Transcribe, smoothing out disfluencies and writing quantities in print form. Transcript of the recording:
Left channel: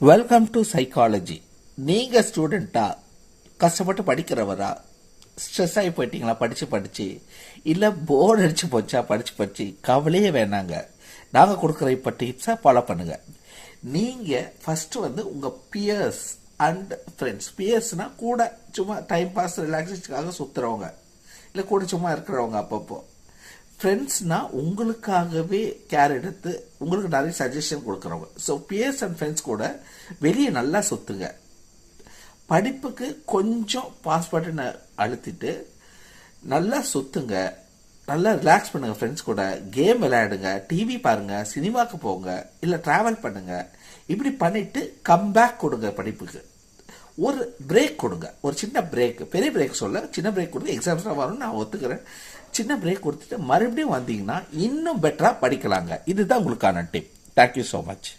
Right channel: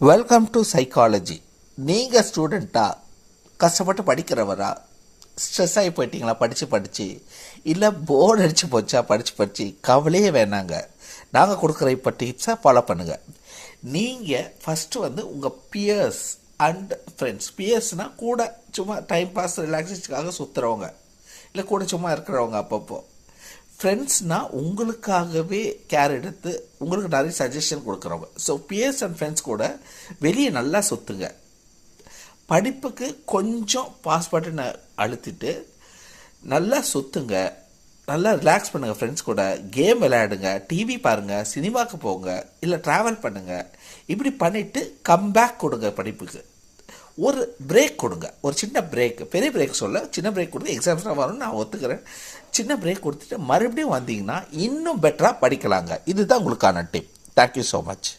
Welcome to psychology. நீங்கள் ஸ்டூடெண்ட்டா, கஷ்டப்பட்டு படிக்கிறவரா, stress ஆகி போயிட்டீங்களா படித்து இல்லை போர்டு அடித்து போச்சா படித்து கவலையே வேணாங்க. நாங்கள் கொடுக்குற இப்போ டிப்ஸாக ஃபாலோ பண்ணுங்கள். நீங்கள் ஃபஸ்ட்டு உங்கள் பியர்ஸ் அண்ட் ஃப்ரெண்ட்ஸ். பியர்ஸ்னால் கூட சும்மா டைம் பாஸ் ரிலாக்ஸேஷனுக்காக சுற்றுறவங்க, இல்லை கூட சும்மா இருக்கிறவங்க. அப்பப்போ ஃப்ரெண்ட்ஸ்னால் உங்களுக்காகவே கேர் எடுத்து உங்களுக்கு நிறைய சஜஷன் கொடுக்குறவங்க. ஸோ பியர்ஸ் அண்ட் ஃப்ரெண்ட்ஸ் கூட வெளியே நல்லா சுற்றுங்க. படிப்புக்கு கொஞ்சம் பாஸ் பட்டனை அழுத்திட்டு நல்லா சுற்றுங்க, நல்லா ரிலாக்ஸ் பண்ணுங்கள். ஃப்ரெண்ட்ஸ் கூட கேம் விளையாடுங்க, டிவி பாருங்கள், சினிமாவுக்கு போங்க, இல்லை ட்ராவல் பண்ணுங்கள். இப்படி பண்ணிவிட்டு கம்பேக் கொடுங்க. படிப்புக்கு ஒரு பிரேக் கொடுங்க, ஒரு சின்ன பிரேக். பெரிய பிரேக் சொல்ல, சின்ன பிரேக் கொடுத்து எக்ஸாம்ஸ்லாம் வரும்னு நான் ஒத்துக்கிறேன். சின்ன பிரேக் கொடுத்துட்டு மறுபடியும் வந்தீங்கன்னா இன்னும் பெட்டராக படிக்கலாங்க. இதுதான் உங்களுக்கான டிப். Thank you so much.